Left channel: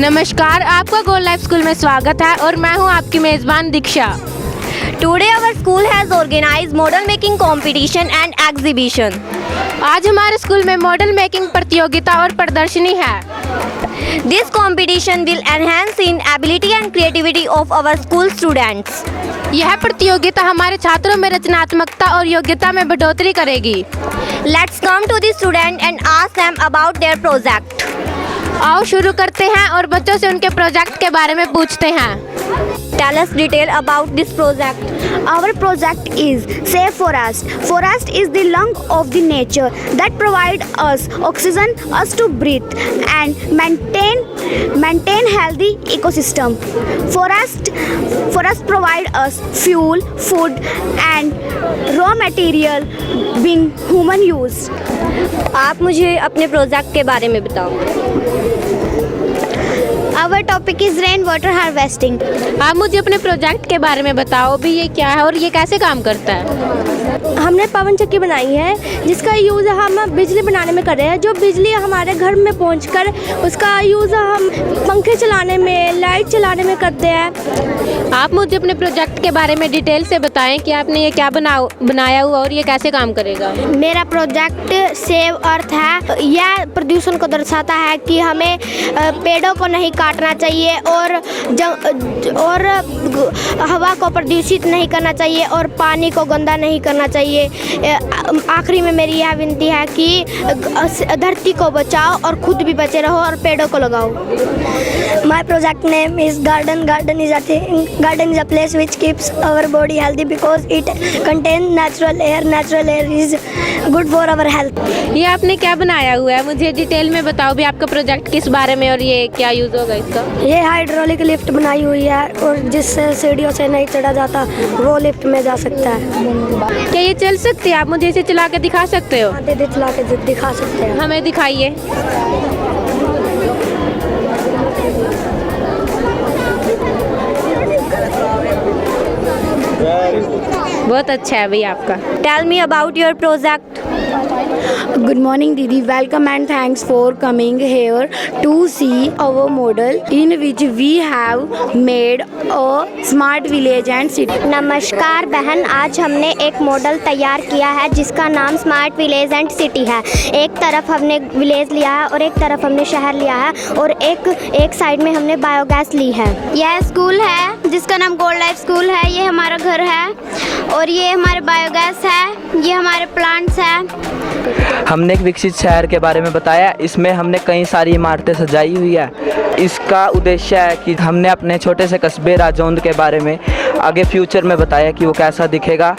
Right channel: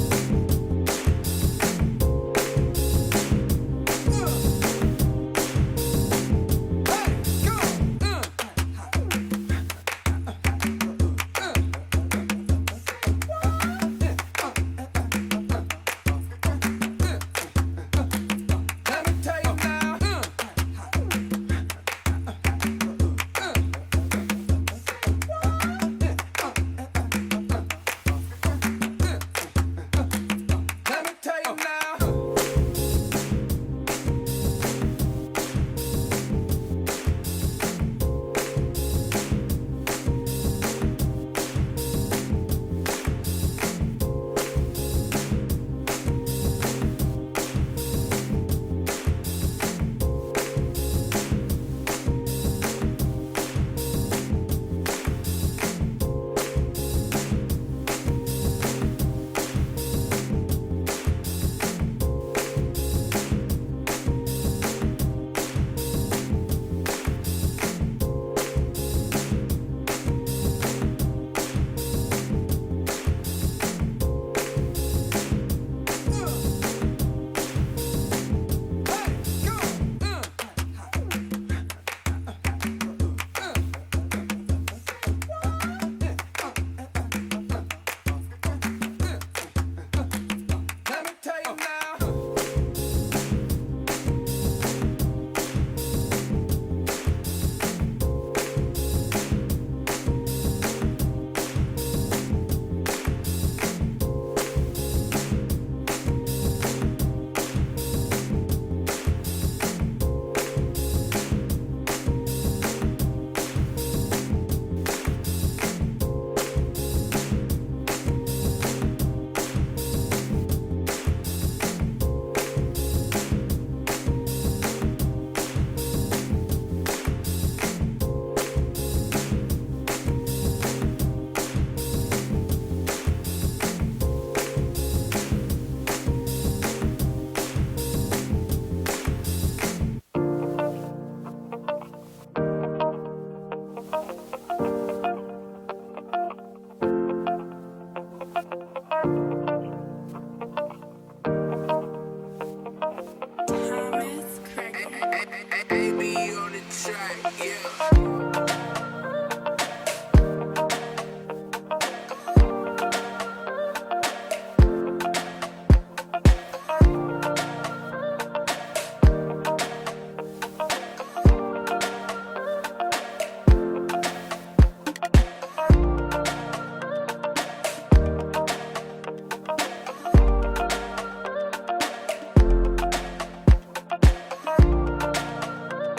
नमस्कार, आपका gold life school में स्वागत है और मैं हूं आपकी मेजबान दीक्षा। Today our school has organized model making competition and exhibition. आज हमारे स्कूल में मॉडल मेकिंग प्रतियोगिता और प्रदर्शनी है। This competition will enhance in ability and creativity of our school students. यह प्रतियोगिता हमारे छात्रों में रचनात्मकता और योग्यता में बढ़ोतरी करेगी। Let's come to the student and ask them about their project. आओ शुरू करते हैं और बच्चों से उनके प्रोजेक्ट के बारे में पूछते हैं। Tell us detail about this project. Our project is Save Forest. Forest is the lung of the nature that provide us oxygen us to breathe and maintain healthy ecosystem. Forest provide us fuel, food and raw material being human use. आप मुझे अपने project के बारे में बताओ। Our topic is rainwater harvesting. आप मुझे अपने प्रोजेक्ट के बारे में बताओ भी, ये क्या है और ये कैसे काम करता है। हमने पवन चक्की बनाई है जिसका यूज़ हम बिजली बनाने में कर रहे हैं। जो बिजली हमारे घर में पहुंचकर उसका यूज़ हम पंखे चलाने में, लाइट चलाने में करते हैं। आप मुझे अपने प्रोजेक्ट के बारे में डिटेल से बताएं कि आपने ये क्या बनाया हुआ और ये कैसे काम करेगा। मेरा प्रोजेक्ट सेव अर्थ है। यह प्रदूषण को दर्शाता है कि हमें पेड़ों को नहीं काटना चाहिए और हवा को प्रदूषित नहीं करना चाहिए और पानी को गंदा नहीं करना चाहिए। आखिरी में मेरी यह विनती है कि धरती को बचाओ और खुद भी बचे रहो और पेड़ों को लगाओ। My project name is garden. Garden is a place which keeps our body healthy because it contains natural air. Natural air is good for our health. ये आपने क्या बनाया हुआ है, मुझे डिटेल में बताओ भी आपका प्रोजेक्ट किस बारे में और ये क्या यूज़ होगा इसका। ये हाइड्रोलिक लिफ्ट बनाई हुई है और जिससे सीढ़ियों से नहीं चढ़ा जाता वो लिफ्ट में जा सकता है। क्या ये चल सकती है? आप मुझे इसे चला के दिखा सकते हो? दीदी चला के दिखा सकते हैं। हमें दिखाइए। बहुत अच्छा है भैया आपका। Tell me about your project. Good morning, Didi. Welcome and thanks for coming here to see our model in which we have made a smart village and city. नमस्कार बहन, आज हमने एक मॉडल तैयार किया है जिसका नाम स्मार्ट विलेज एंड सिटी है। एक तरफ हमने विलेज लिया है और एक तरफ हमने शहर लिया है और एक साइड में हमने बायोगैस ली है। यह स्कूल है जिसका नाम गोल्ड लाइफ स्कूल है। ये हमारा घर है और ये हमारे बायोगैस है, ये हमारे प्लांट्स हैं। हमने एक विकसित शहर के बारे में बताया। इसमें हमने कई सारी इमारतें सजाई हुई है। इसका उद्देश्य है कि हमने अपने छोटे से कस्बे राजौंद के बारे में आगे फ्यूचर में बताया कि वो कैसा दिखेगा।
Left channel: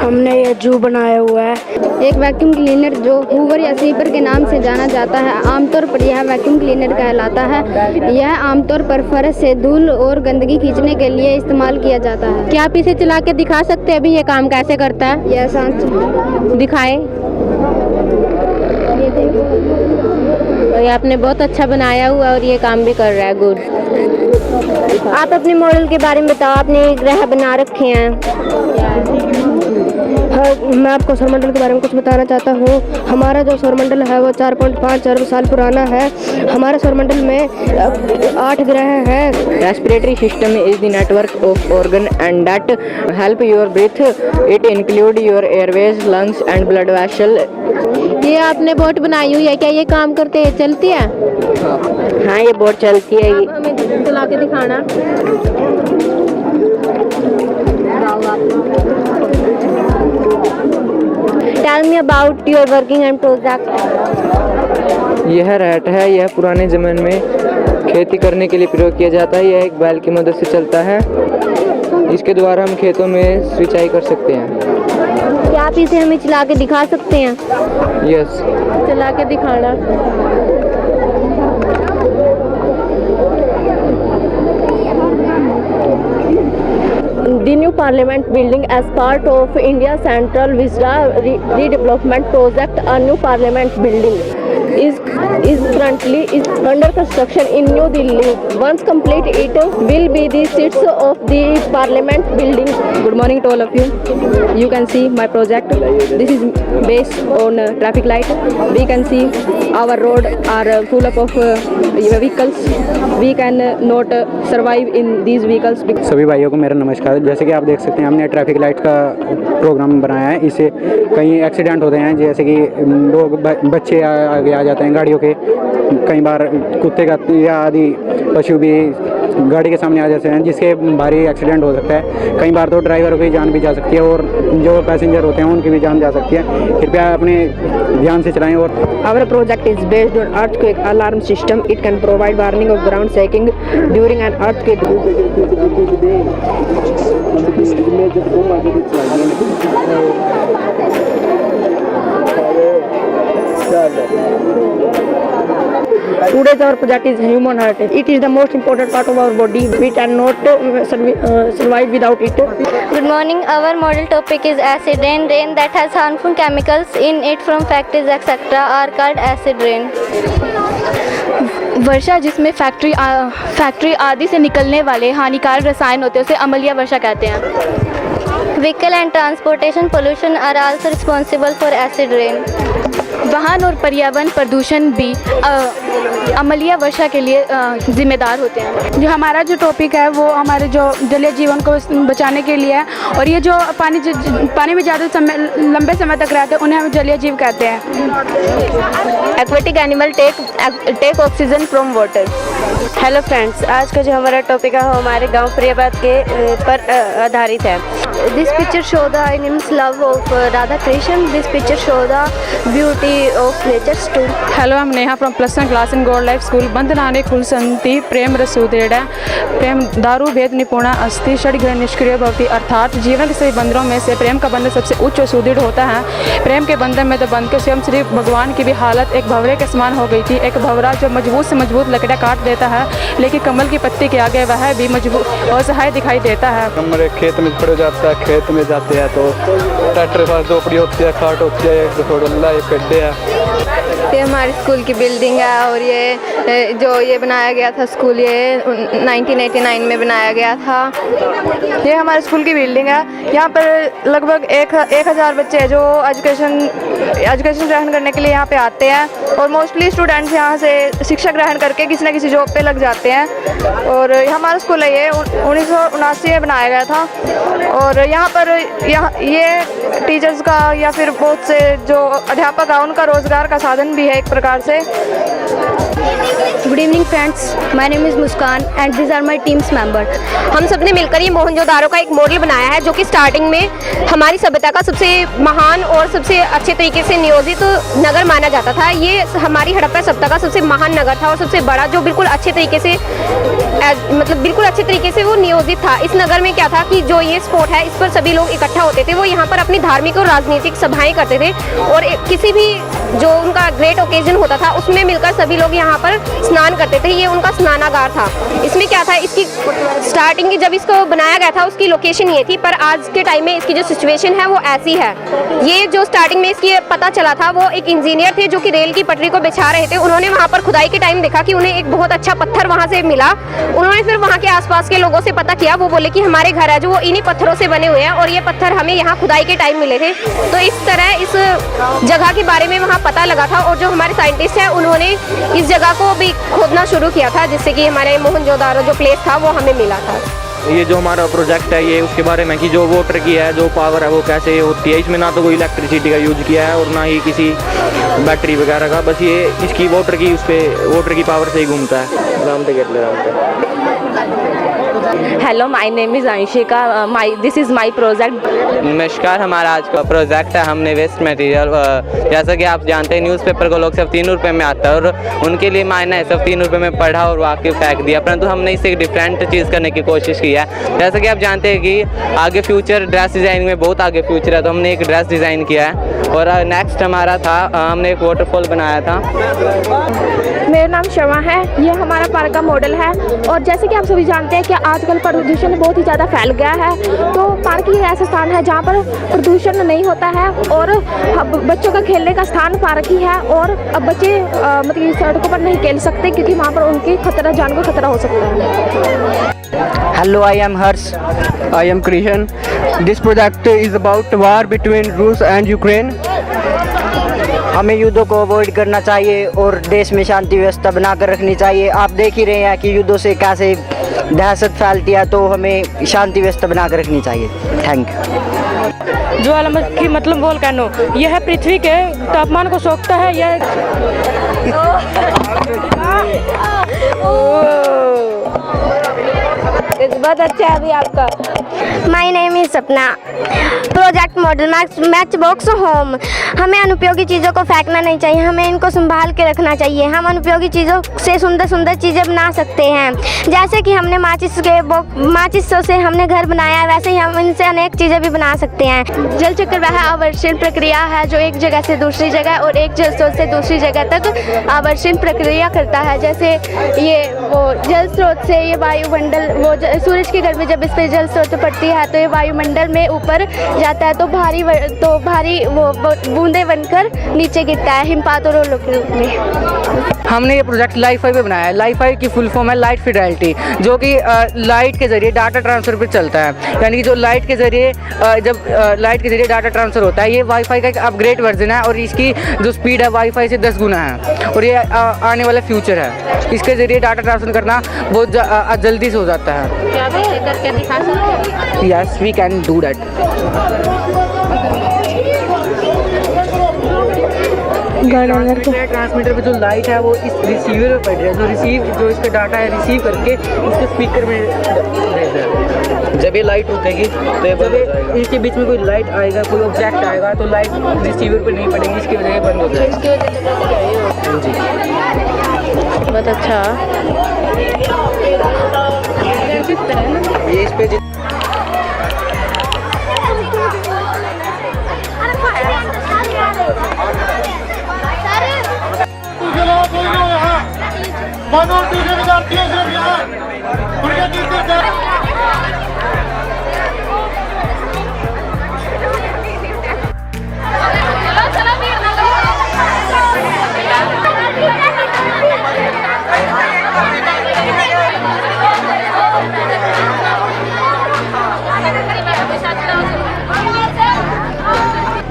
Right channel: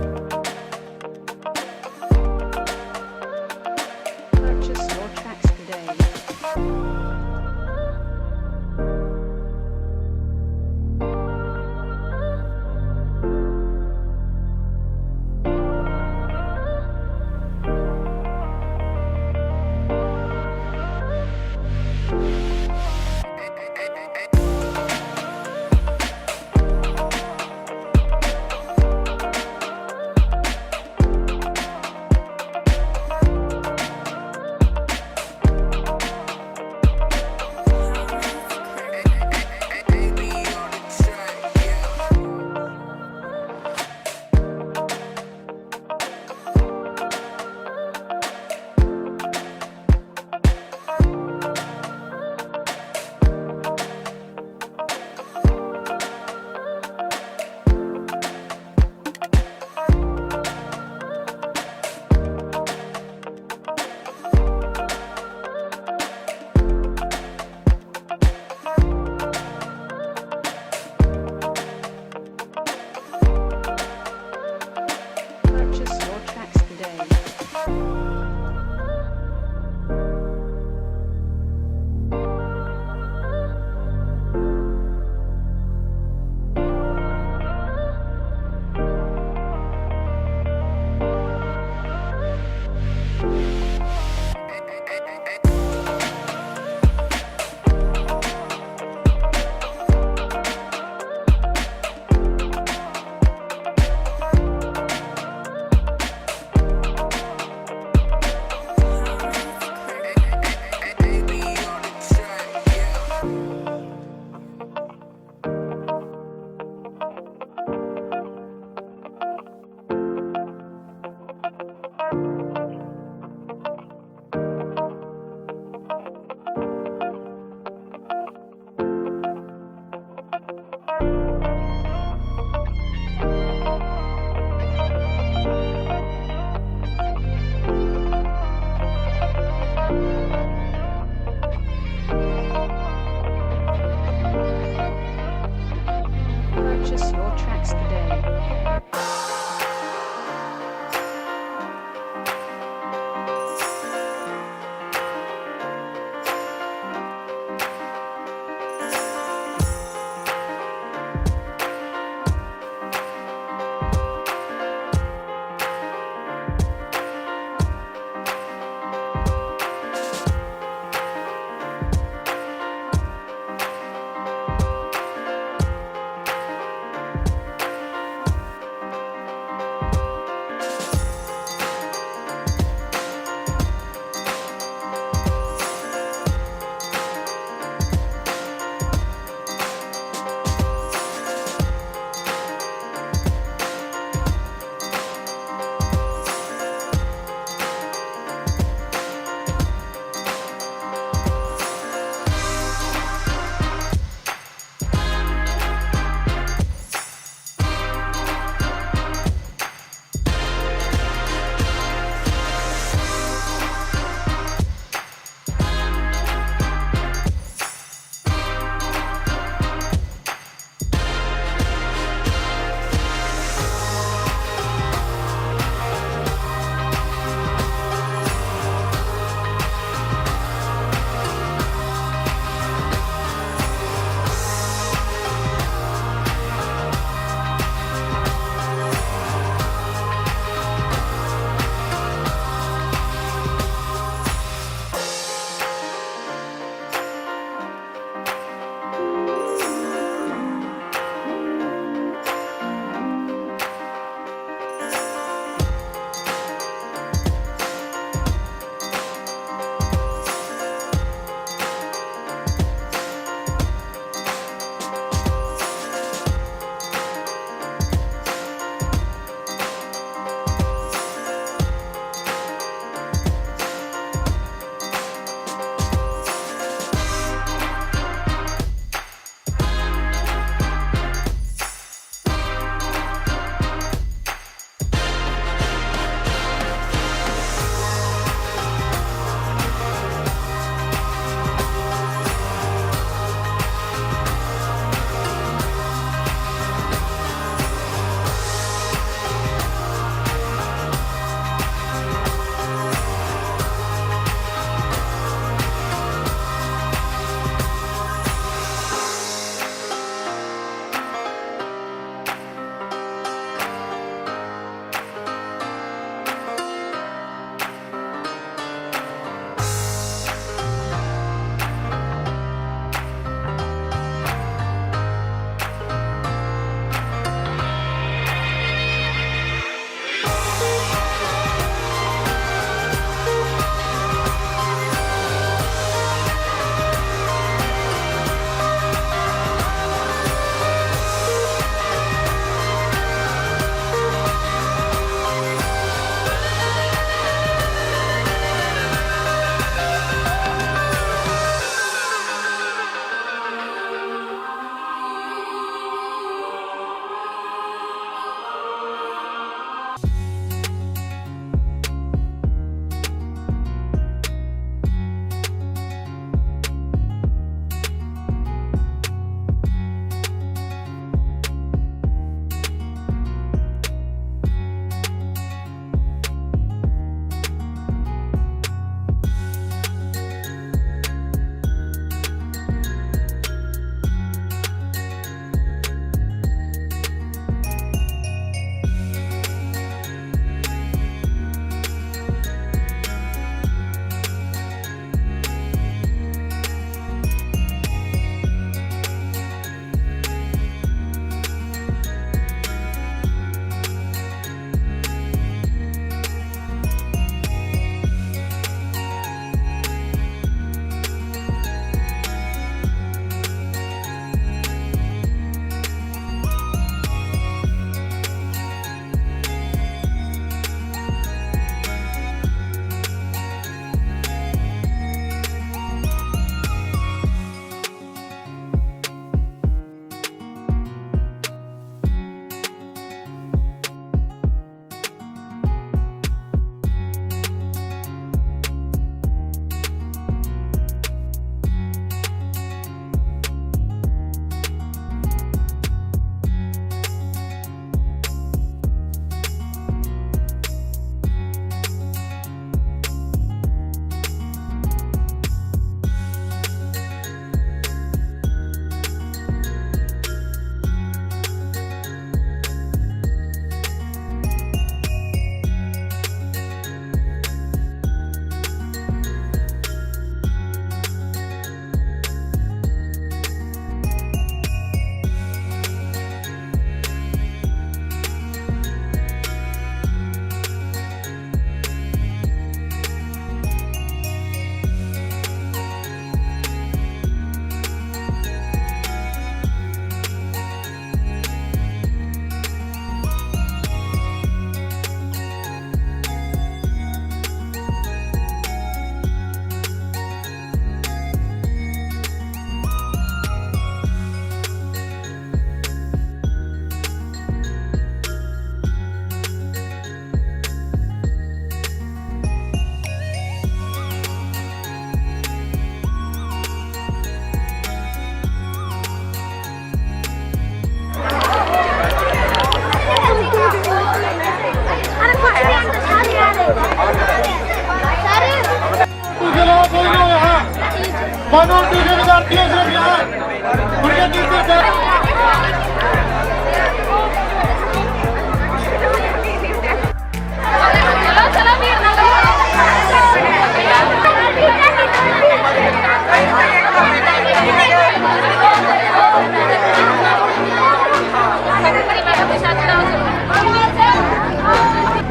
हमने ये जू बनाया हुआ है। एक वैक्यूम क्लीनर जो हूवर या स्वीपर के नाम से जाना जाता है, आमतौर पर यह वैक्यूम क्लीनर कहलाता है। यह आमतौर पर फर्श से धूल और गंदगी खींचने के लिए इस्तेमाल किया जाता है। क्या आप इसे चला के दिखा सकते हैं अभी ये काम कैसे करता है? यह शांत दिखाएं। तो ये आपने बहुत अच्छा बनाया हुआ और ये काम भी कर रहा है। गुड। आप अपने मॉडल के बारे में बताओ। आपने ग्रह बना रखे हैं। मैं आपको सौरमंडल के बारे में कुछ बताना चाहता हूँ। हमारा जो सौरमंडल है वो 4.5 अरब साल पुराना है। हमारे सौरमंडल में 8 ग्रह हैं। Respiratory system is the network of organ and that help your breathe. It include your Airways, lungs and blood vessel. ये आपने बोट बनाई हुई है, क्या ये काम करते हैं, चलती है? हाँ, ये बोट चलती है। हमें चला के दिखाना। Tell me about your working and project. यह रैट है। यह पुराने ज़माने में खेती करने के लिए प्रयोग किया जाता है। यह एक बैल की मदद से चलता है। इसके द्वारा हम खेतों में सिंचाई कर सकते हैं। क्या आप इसे हमें चला के दिखा सकते हैं? यस। चला के दिखाना। The new parliament building as part of India Central Vista redevelopment project, a new parliament building is is currently under construction in New Delhi. Once complete, it will be the seats of the Parliament building. Good morning to all of you. You can see my project. This is based on traffic light. We can see our road are full of vehicles. We can not survive in these vehicles. सभी भाइयों को मेरा नमस्कार। जैसे कि आप देख सकते हैं हमने ट्रैफिक लाइट का प्रोग्राम बनाया है। इससे कई एक्सीडेंट होते हैं, जैसे कि लोग बच्चे आगे आ जाते हैं गाड़ियों के, कई बार कुत्ते का या आदि पशु भी गाड़ी के सामने आ जाते हैं, जिसके भारी एक्सीडेंट हो सकता है। कई बार तो ड्राइवर की जान भी जा सकती है और जो पैसेंजर होते हैं उनकी भी जान जा सकती है। कृपया अपने ध्यान से चलाएं। और Our project is based on earthquake alarm system. It can provide warning of ground shaking during an earthquake. Today's our project is human heart. It is the most important part of our body. We cannot survive without it. Good morning. Our model topic is acid rain. Rain that has harmful chemicals in it from factories etc. are called acid rain. वर्षा जिसमें factory आदि से निकलने वाले हानिकारक रसायन होते हैं उसे अम्लीय वर्षा कहते हैं। Vehicle and transportation pollution are also responsible for acid rain. वाहन और पर्यावरण प्रदूषण भी अम्लीय वर्षा के लिए जिम्मेदार होते हैं। जो हमारा जो टॉपिक है वो हमारे जो जलीय जीवन को बचाने के लिए है, और ये जो पानी में ज़्यादा लंबे समय तक रहते हैं उन्हें हम जलीय जीव कहते हैं। Aquatic animal take oxygen from water. Hello friends, आज का जो हमारा टॉपिक है वो हमारे गांव प्रियबात के पर आधारित है। This picture show the immense love of Radha Krishna. This picture show the beauty of nature too. Hello, हम Neha from +1 class in gold life school. बंधनाने कुल संति प्रेम रसूदेड़ प्रेम दारू भेद निपुणा अस्ति षड्ग्रह निष्क्रिय भवति। अर्थात जीवन के सभी बंधनों में से प्रेम का बंधन सबसे उच्च और सुदृढ़ होता है। प्रेम के बंधन में तो बंध के स्वयं श्री भगवान की भी हालत एक भंवरे के समान हो गई थी। एक भंवरा जो मजबूत से मजबूत लकड़ियाँ काट देता है, लेकिन कमल की पत्ती के आगे वह भी मजबूत असहाय दिखाई देता है। हमारे खेत में पड़ जाता है, खेत में जाते हैं तो ट्रैक्टर के पास झोपड़ी होती है, खाट होती है, थोड़ा लाई करते हैं। ये हमारी स्कूल की बिल्डिंग है और ये जो ये बनाया गया था स्कूल, ये 1989 में बनाया गया था। ये हमारे स्कूल की बिल्डिंग है। यहाँ पर लगभग 1000 बच्चे हैं जो एजुकेशन ग्रहण करने के लिए यहाँ पे आते हैं, और मोस्टली स्टूडेंट्स यहाँ से शिक्षा ग्रहण करके किसी न किसी जॉब पे लग जाते हैं। और हमारा स्कूल है, ये 1979 में बनाया गया था। और यहाँ पर ये टीचर्स का या फिर बहुत से जो अध्यापक हैं उनका रोजगार का साधन भी है एक प्रकार से। Good evening friends, my name is Muskan and these are my team's member. हम सबने मिलकर ये मोहनजोदारो का एक मॉडल बनाया है जो कि स्टार्टिंग में हमारी सभ्यता का सबसे महान और सबसे अच्छे तरीके से नियोजित नगर माना जाता था। ये हमारी हड़प्पा सभ्यता का सबसे महान नगर था और सबसे बड़ा, जो बिल्कुल अच्छे तरीके से बिल्कुल अच्छे तरीके से वो नियोजित था। इस नगर में क्या था कि जो ये स्पॉट है इस पर सभी लोग इकट्ठा होते थे। वो यहाँ पर अपनी धार्मिक और राजनीतिक सभाएं करते थे, और किसी भी जो उनका ग्रेट ओकेजन होता था उसमें मिलकर सभी लोग यहाँ पर स्नान करते थे। ये उनका स्नानागार था। इसमें क्या था, इसकी स्टार्टिंग जब इसको बनाया गया था उसकी लोकेशन ये थी, पर आज के टाइम में इसकी जो सिचुएशन है वो ऐसी है। ये जो स्टार्टिंग में इसकी पता चला था, वो एक इंजीनियर थे जो कि रेल की पटरी को बिछा रहे थे। उन्होंने वहाँ पर खुदाई के टाइम देखा कि उन्हें एक बहुत अच्छा पत्थर वहाँ से मिला। उन्होंने फिर वहाँ के आसपास के लोगों से पता किया। वो बोले कि हमारे घर है जो वो इन्हीं पत्थरों से बने हुए हैं और ये पत्थर हमें यहाँ खुदाई के टाइम मिले थे। तो इस तरह इस जगह के बारे में वहाँ पता लगा था, और जो हमारे साइंटिस्ट हैं उन्होंने इस जगह को भी खोदना शुरू किया था, जिससे कि हमारे मोहनजोदारो जो प्लेस था वो हमें मिला था। ये जो हमारा प्रोजेक्ट है ये उसके बारे में कि जो वाटर की है, जो पावर है वो कैसे होती है। इसमें ना तो कोई इलेक्ट्रिसिटी का यूज़ किया है और ना ही किसी बैटरी वगैरह का, बस ये इसकी वाटर की पावर से ही घूमता है। Hello, my name is Anshika, this is my project. नमस्कार, हमारा आज का प्रोजेक्ट है हमने वेस्ट मटेरियल, जैसा कि आप जानते हैं न्यूज़पेपर को लोग सिर्फ 3 रुपये में आता है और उनके लिए मायना है सिर्फ 3 रुपये में पढ़ा और वाकई फेंक दिया, परंतु हमने इससे एक डिफरेंट चीज़ करने की कोशिश की है। जैसा कि आप जानते हैं कि आगे फ्यूचर ड्रेस डिज़ाइन में बहुत आगे फ्यूचर है, तो हमने एक ड्रेस डिज़ाइन किया है। और नेक्स्ट हमारा था, हमने एक वाटरफॉल बनाया था। मेरा नाम शर्मा है, ये हमारा पार्क का मॉडल है। और जैसे कि आप सभी जानते हैं कि आज आजकल प्रदूषण बहुत ही ज़्यादा फैल गया है, तो पार्क ही ऐसा स्थान है जहाँ पर प्रदूषण नहीं होता है और बच्चों का खेलने का स्थान पार्क ही है। और अब बच्चे मतलब सड़कों पर नहीं खेल सकते क्योंकि वहाँ पर उनकी जान को खतरा हो सकता है। Hello, I am Harsh. I am Krishan. This project is about war between Russia and Ukraine. हमें युद्धों को अवॉइड करना चाहिए और देश में शांति व्यवस्था बनाकर रखनी चाहिए। आप देख ही रहे हैं कि युद्धों से कैसे दहशत फैलती है, तो हमें शांति व्यवस्था बनाकर रखनी चाहिए। Thank you. ज्वालामुखी मतलब वोल्केनो, यह पृथ्वी के तापमान को सोखता है। यह बहुत अच्छा है अभी आपका। माई नेम इज सपना। Project model match box home. हमें अनुपयोगी चीज़ों को फेंकना नहीं चाहिए, हमें इनको संभाल के रखना चाहिए। हम अनुपयोगी चीज़ों से सुंदर सुंदर चीज़ें बना सकते हैं, जैसे कि हमने माचिस से हमने घर बनाया है, वैसे ही हम इनसे अनेक चीज़ें भी बना सकते हैं। जल चक्र वह आवर्षण प्रक्रिया है जो एक जगह से दूसरी जगह और एक जल स्रोत से दूसरी जगह तक आवर्षण प्रक्रिया करता है। जैसे ये वो जल स्रोत से ये वायुमंडल सूरज की गर्मी जब इस पर जल स्रोत पड़ती है तो ये वायुमंडल में ऊपर जाता है, तो भारी वो बूंदे बनकर नीचे गिरता है हिमपात और ओलों के रूप में। हमने ये प्रोजेक्ट लाइफाई पे बनाया है। लाइफाई की फुल फॉर्म है लाइट फिडेलिटी, जो कि लाइट के ज़रिए डाटा ट्रांसफ़र पे चलता है। यानी कि जो लाइट के ज़रिए जब लाइट के ज़रिए डाटा ट्रांसफ़र होता है, ये वाईफाई का एक अपग्रेड वर्जन है और इसकी जो स्पीड है वाईफाई से 10 गुना है और ये आने वाला फ्यूचर है। इसके ज़रिए डाटा ट्रांसफ़र करना बहुत जल्दी से हो जाता है। Yes, we can do that. Transmitter पे जो लाइट है वो इस रिसीवर में पड़ रहा है, जो इसका डाटा है रिसीव करके इसके स्पीकर में जब ये लाइट रुकेगी तो ये बंद हो जाएगा। इसके बीच में कोई लाइट आएगा, कोई ऑब्जेक्ट आएगा तो लाइट रिसीवर पे नहीं पड़ेगी, इसकी वजह से बंद हो जाएगा। बहुत अच्छा। ये इस पे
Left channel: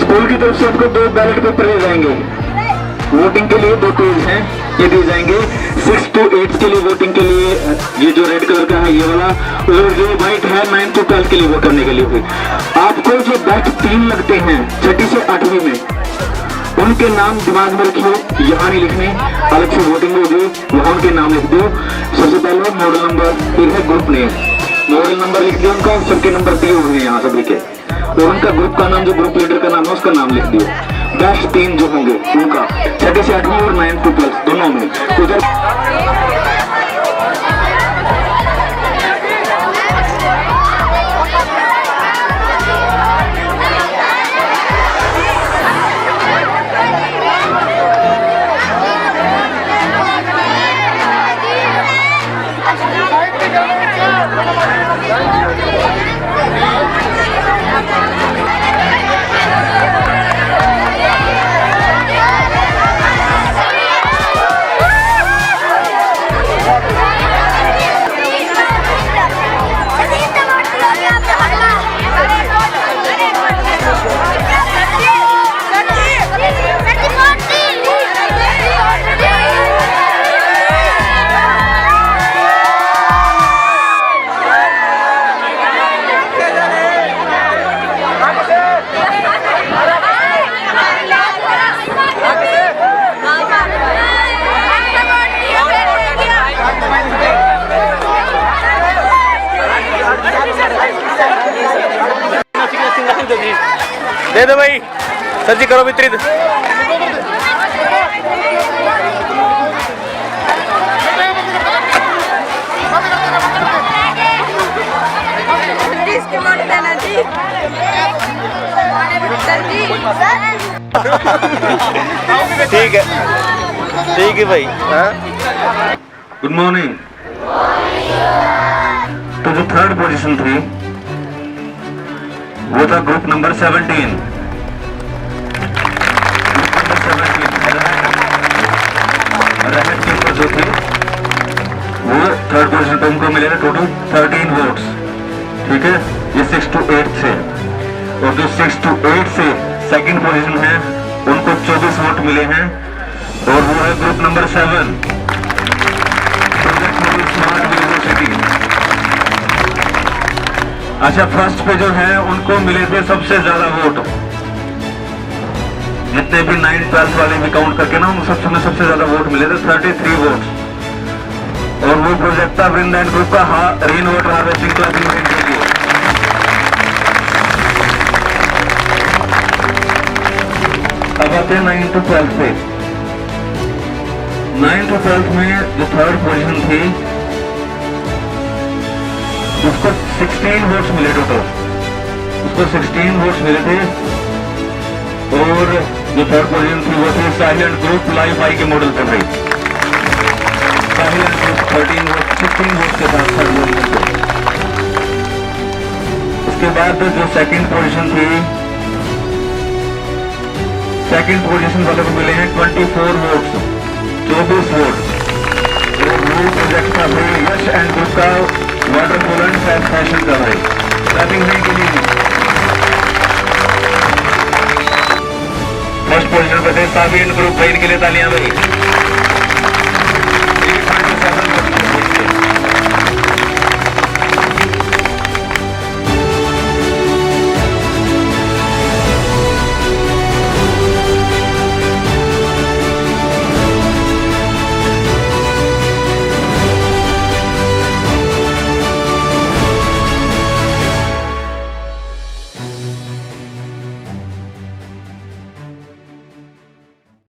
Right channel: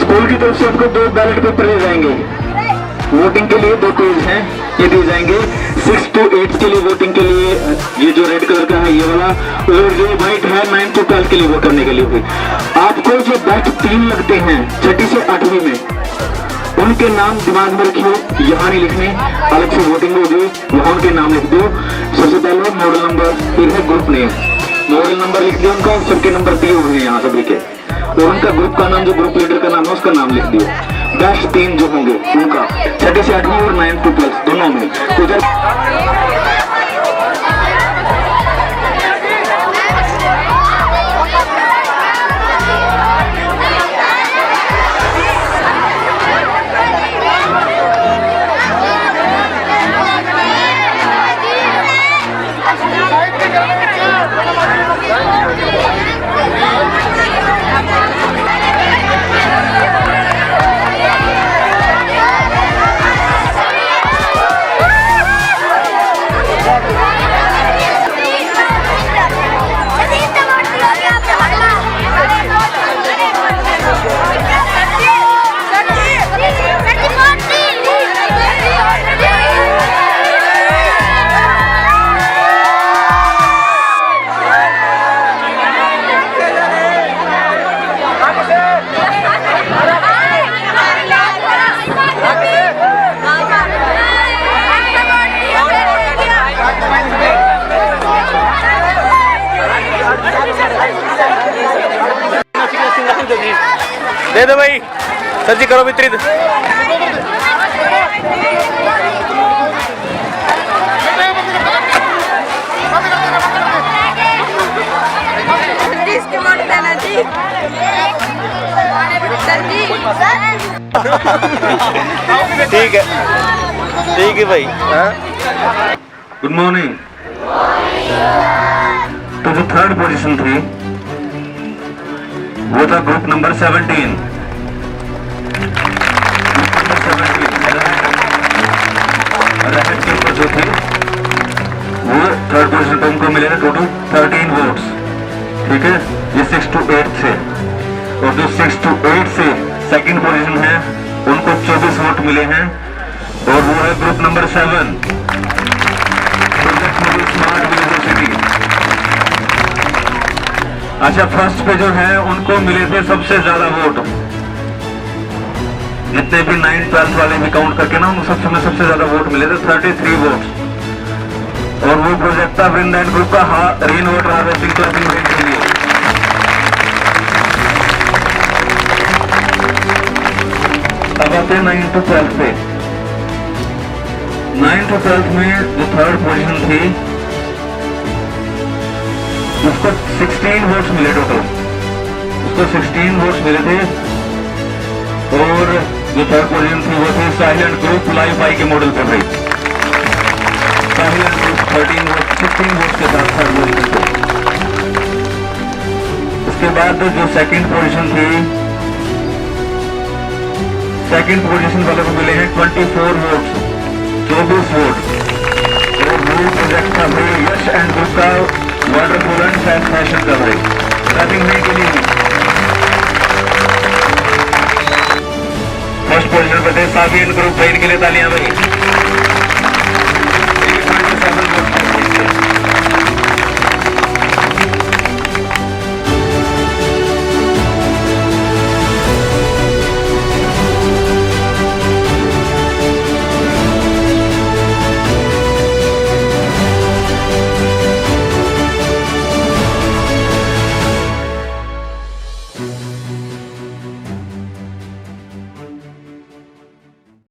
स्कूल की तरफ से आपको 2 बैलेट पेपर दिए जाएंगे। वोटिंग के लिए 2 पेज हैं, ये दिए जाएंगे। 6 to 8 के लिए वोटिंग के लिए ये जो रेड कलर का है ये वाला, और जो व्हाइट है 9 to 12 के लिए वोट करने के लिए भी। आपको जो बैच 3 लगते हैं 6ठी से 8वीं में, उनके नाम दिमाग में रखिए, यहाँ नहीं लिखने, अलग से वोटिंग होगी, वहाँ उनके नाम लिख दो। सबसे पहले मॉडल नंबर, फिर है ग्रुप नेम। मॉडल नंबर लिख दिया उनका, सबके नंबर दिए हुए हैं यहाँ सभी के, और उनका ग्रुप का नाम, जो ग्रुप लीडर का नाम है उसका नाम लिख दियो। बैच 3 जो होंगे उनका 6ठी से 8वीं और 9 to 12 दोनों में। दे दो भाई, सर जी करो वितरित। ठीक है भाई। Good morning. तो जो थर्ड पोजीशन थी वो था ग्रुप नंबर 17। रेड के ऊपर जो थे वो थर्ड पोजीशन पे उनको मिले थे टोटल 13 वोट्स। ठीक है, ये 6 to 8 थे। और जो 6 to 8 से सेकंड पोजीशन है उनको 24 वोट मिले हैं और वो है group number 7 project model smart village city. अच्छा, फर्स्ट पे जो है उनको मिले थे सबसे ज्यादा वोट, जितने भी 9th 12th वाले भी काउंट करके ना, उनको सबसे ज्यादा वोट मिले थे 33 वोट्स। और वो प्रोजेक्ट था वृंद एंड ग्रुप का रेन वाटर हार्वेस्टिंग क्लबिंग के लिए। अब आते हैं 9th to 12th पे। 9th to 12th में जो थर्ड पोजीशन थी उसको 16 वोट्स मिले टोटल, उसको 16 वोट्स मिले थे। और जो थर्ड पोजीशन थी वो थी साहिल एंड ग्रुप लाइफ आई के मॉडल पे भाई। साहिल एंड ग्रुप 16 वोट्स के साथ थर्ड पोजीशन पे। उसके बाद जो सेकंड पोजीशन थी, सेकंड पोजीशन वाले को मिले हैं 24 वोट्स, 24 वोट। और वो प्रोजेक्ट था भाई यश एंड ग्रुप का वाटरफॉल एंड फैशन का भाई, क्लबिंग के लिए भी। फर्स्ट पोजीशन पे थे साबी एंड ग्रुप भाई, इनके लिए तालियां भाई।